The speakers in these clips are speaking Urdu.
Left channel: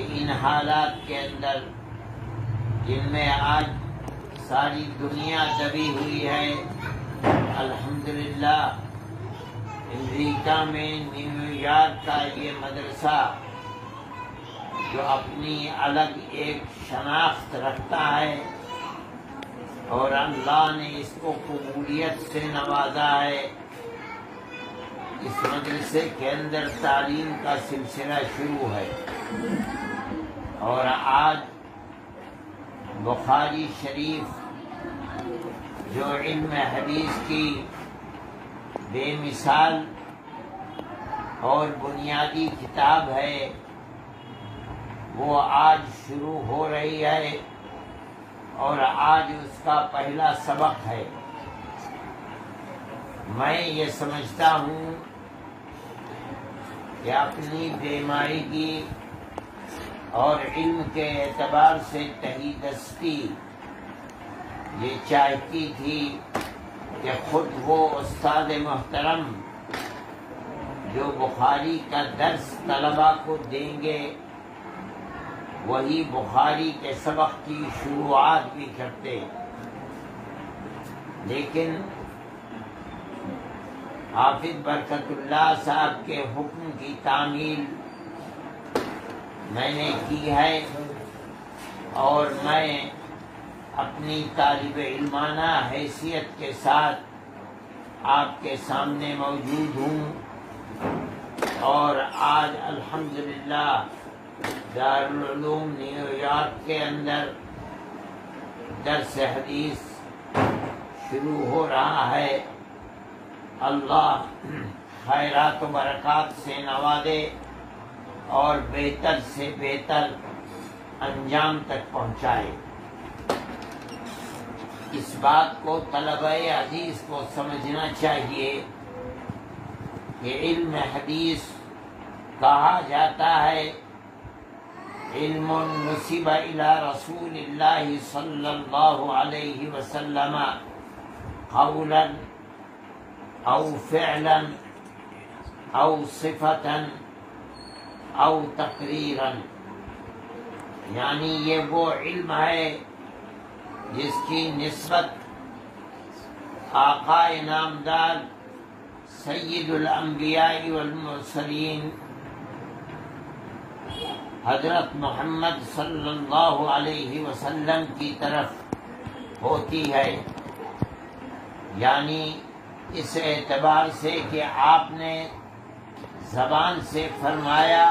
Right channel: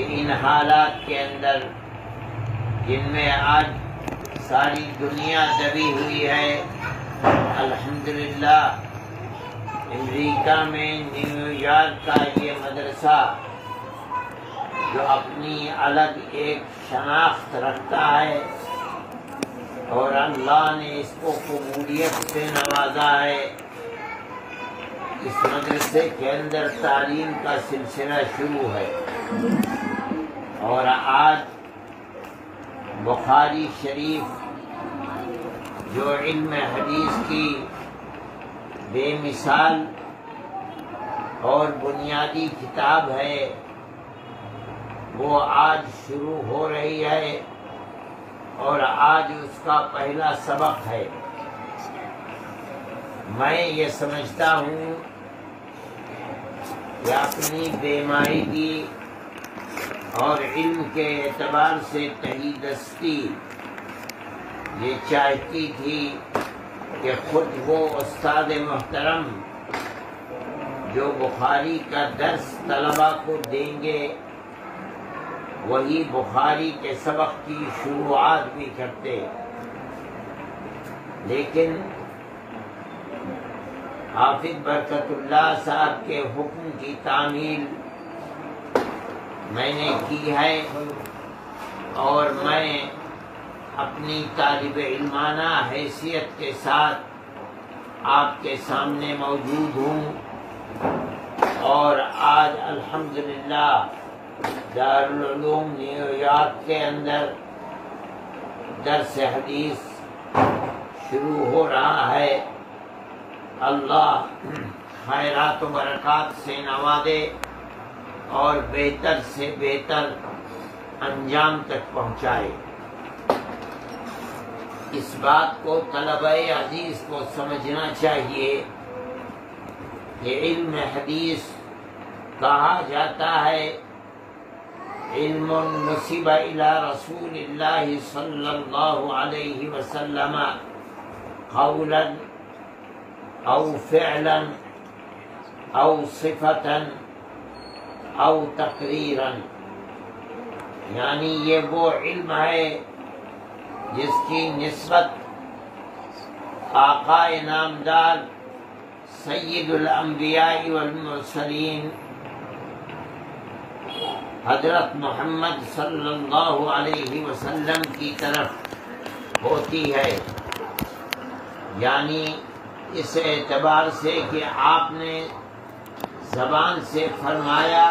کہ ان حالات کے اندر جن میں آج ساری دنیا دبی ہوئی ہے، الحمدللہ امریکہ میں نیو یارک کا یہ مدرسہ جو اپنی الگ ایک شناخت رکھتا ہے اور اللہ نے اس کو قبولیت سے نوازا ہے، اس مدرسے کے اندر تعلیم کا سلسلہ شروع ہے۔ اور آج بخاری شریف جو علم حدیث کی بے مثال اور بنیادی کتاب ہے، وہ آج شروع ہو رہی ہے اور آج اس کا پہلا سبق ہے۔ میں یہ سمجھتا ہوں کہ اپنی بیماری اور علم کے اعتبار سے تحید دستی یہ چاہتی تھی کہ خود وہ استاد محترم جو بخاری کا درس طلباء کو دیں گے وہی بخاری کے سبق کی شروعات بھی کرتے، لیکن حافظ برکت اللہ صاحب کے حکم کی تعمیل میں نے کی ہے اور میں اپنی طالب علمانہ حیثیت کے ساتھ آپ کے سامنے موجود ہوں، اور آج الحمدللہ دارالعلوم نیو یارک کے اندر درس حدیث شروع ہو رہا ہے۔ اللہ خیرات و برکات سے نوازے اور بہتر سے بہتر انجام تک پہنچائے۔ اس بات کو طلبہ حدیث کو سمجھنا چاہیے کہ علم حدیث کہا جاتا ہے علم نسب الی رسول اللہ صلی اللہ علیہ وسلم قولا او فعلا او صفتا او تقریرا، یعنی یہ وہ علم ہے جس کی نسبت آقا نامدار سید الانبیاء والمرسلین حضرت محمد صلی اللہ علیہ وسلم کی طرف ہوتی ہے، یعنی اس اعتبار سے کہ آپ نے زبان سے فرمایا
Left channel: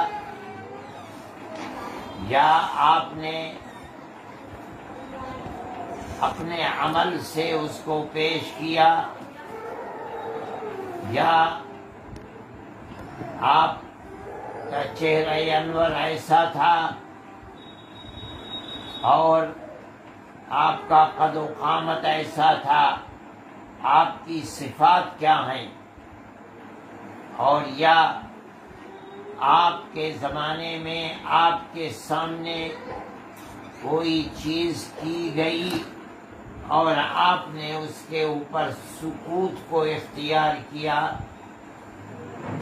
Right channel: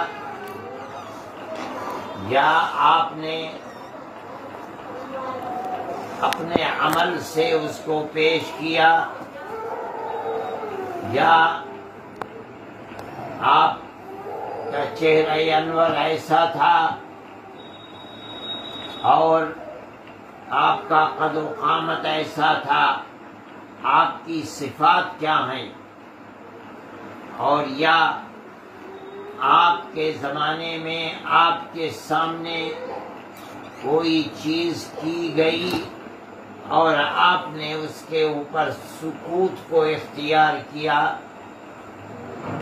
یا آپ نے اپنے عمل سے اس کو پیش کیا یا آپ کا چہرہ انور ایسا تھا اور آپ کا قد و قامت ایسا تھا، آپ کی صفات کیا ہیں، اور یا آپ کے زمانے میں آپ کے سامنے کوئی چیز کی گئی اور آپ نے اس کے اوپر سکوت کو اختیار کیا،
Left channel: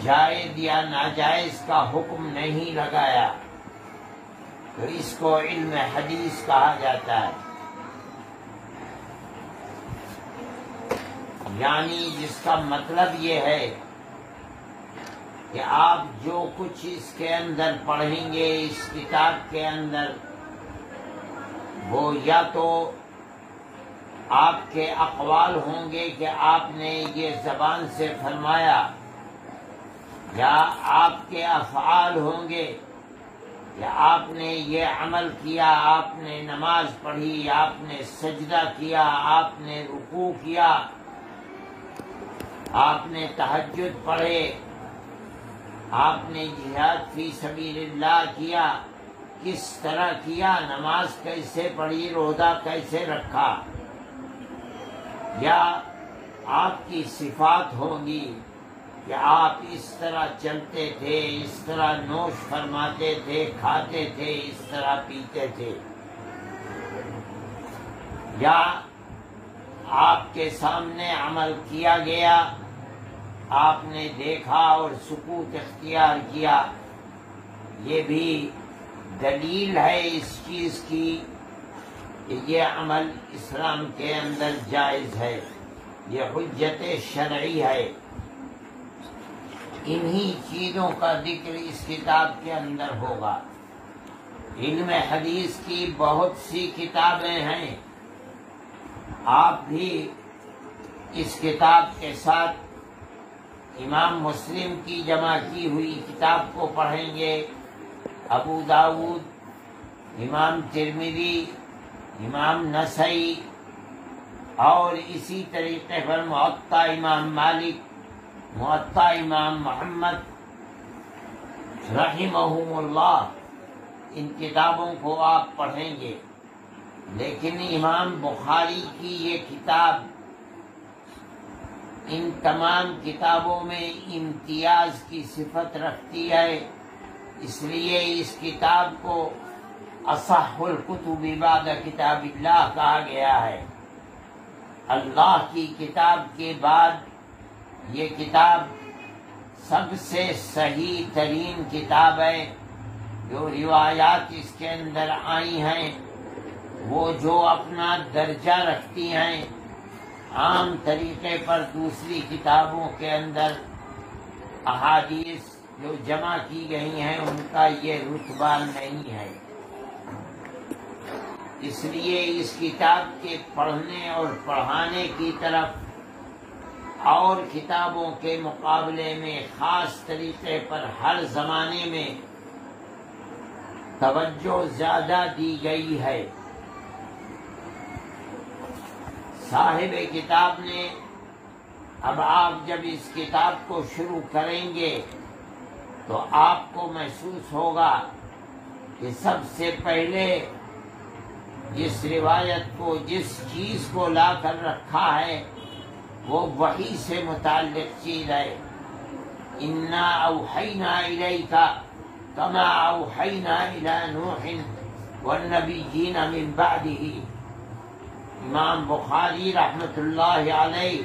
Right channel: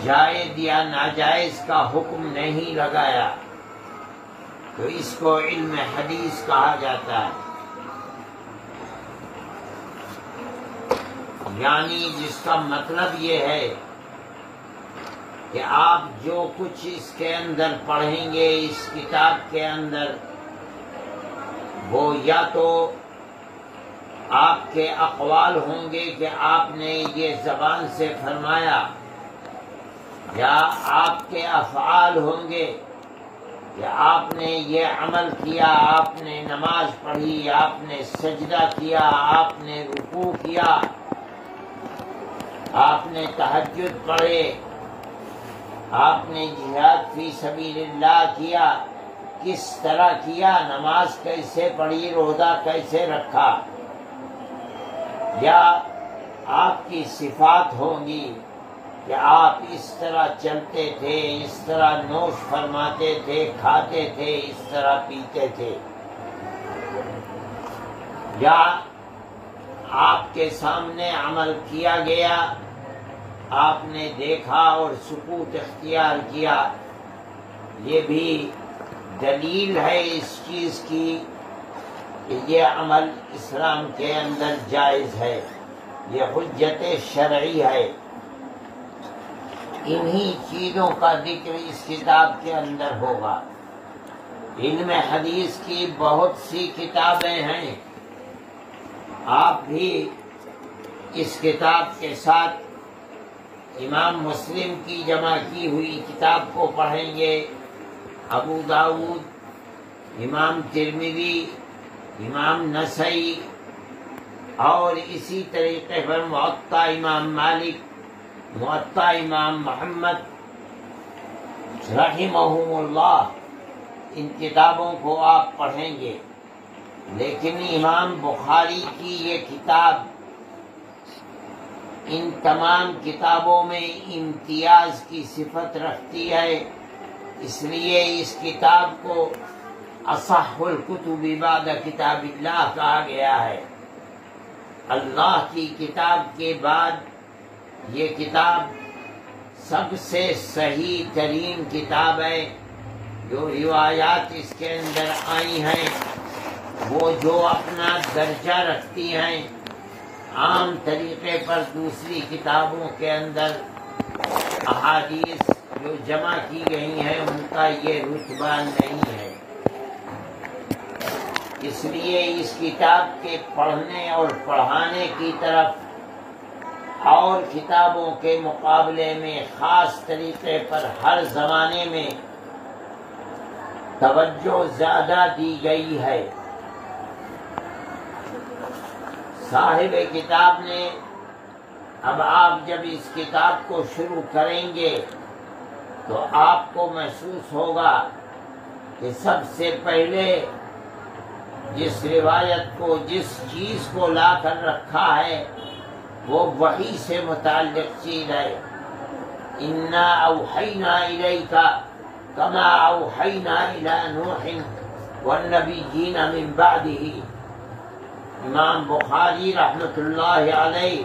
جائز یا ناجائز کا حکم نہیں لگایا، تو اس کو علم حدیث کہا جاتا ہے۔ یعنی جس کا مطلب یہ ہے کہ آپ جو کچھ اس کے اندر پڑھیں گے اس کتاب کے اندر، وہ یا تو آپ کے اقوال ہوں گے کہ آپ نے یہ زبان سے فرمایا، یا آپ کے افعال ہوں گے کہ آپ نے یہ عمل کیا، آپ نے نماز پڑھی، آپ نے سجدہ کیا، آپ نے رکوع کیا، آپ نے تہجد پڑھے، آپ نے جہاد فی سبیل اللہ کیا، کس طرح کیا، نماز کیسے پڑھی، روزہ کیسے رکھا، یا آپ کی صفات ہوں گی کہ آپ اس طرح چلتے تھے، اس طرح نوش فرماتے تھے، کھاتے تھے، اس طرح پیتے تھے، یا آپ کے سامنے عمل کیا گیا، آپ نے دیکھا اور سکوت اختیار کیا، یہ بھی دلیل ہے اس چیز کی کہ یہ عمل اسلام کے اندر جائز ہے، یہ حجت شرعی ہے۔ انہی چیزوں کا ذکر اس کتاب کے اندر ہوگا۔ علم حدیث کی بہت سی کتابیں ہیں، آپ بھی اس کتاب کے ساتھ امام مسلم کی جمع کی ہوئی کتاب کو پڑھیں گے، ابو داؤد، امام ترمذی، امام نسائی، اور اسی طریقے پر موطا امام مالک، موطا امام محمد رحمہم اللہ، ان کتابوں کو آپ پڑھیں گے۔ لیکن امام بخاری کی یہ کتاب ان تمام کتابوں میں امتیاز کی صفت رکھتی ہے، اس لیے اس کتاب کو اصح الکتب بعد کتاب اللہ کہا گیا ہے۔ اللہ کی کتاب کے بعد یہ کتاب سب سے صحیح ترین کتاب ہے۔ جو روایات اس کے اندر آئی ہیں وہ جو اپنا درجہ رکھتی ہیں، عام طریقے پر دوسری کتابوں کے اندر احادیث جو جمع کی گئی ہیں ان کا یہ رتبہ نہیں ہے۔ اس لیے اس کتاب کے پڑھنے اور پڑھانے کی طرف اور کتابوں کے مقابلے میں خاص طریقے پر ہر زمانے میں توجہ زیادہ دی گئی ہے۔ صاحب کتاب نے اب آپ جب اس کتاب کو شروع کریں گے تو آپ کو محسوس ہوگا کہ سب سے پہلے جس روایت کو، جس چیز کو لا کر رکھا ہے وہ وحی سے متعلق چیز ہے۔ انا اوحینا الیک کما اوحینا الی نوح والنبیین من بعدہ۔ امام بخاری رحمۃ اللہ علیہ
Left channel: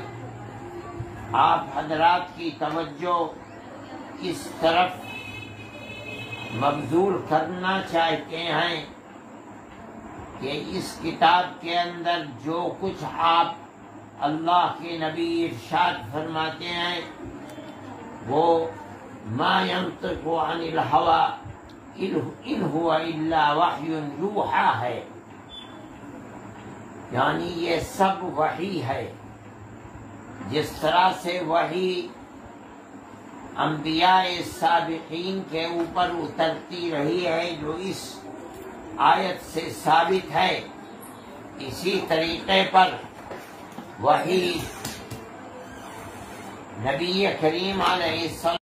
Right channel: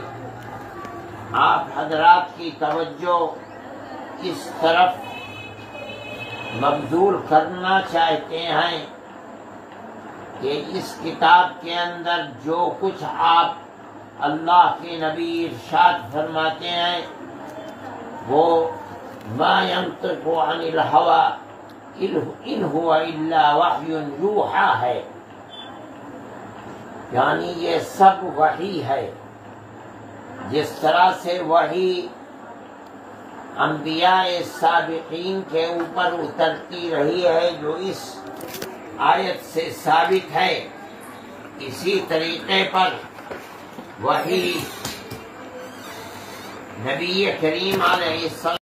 آپ حضرات کی توجہ اس طرف مبذول کرنا چاہتے ہیں کہ اس کتاب کے اندر جو کچھ آپ اللہ کے نبی ارشاد فرماتے ہیں وہ ما ينطق عن الهوى ان هو الا وحی یوحی ہے، یعنی یہ سب وحی ہے۔ جس طرح سے وحی انبیاء سابقین کے اوپر اترتی رہی ہے جو اس آیت سے ثابت ہے، اسی طریقے پر وحی نبی کریم علیہ السلام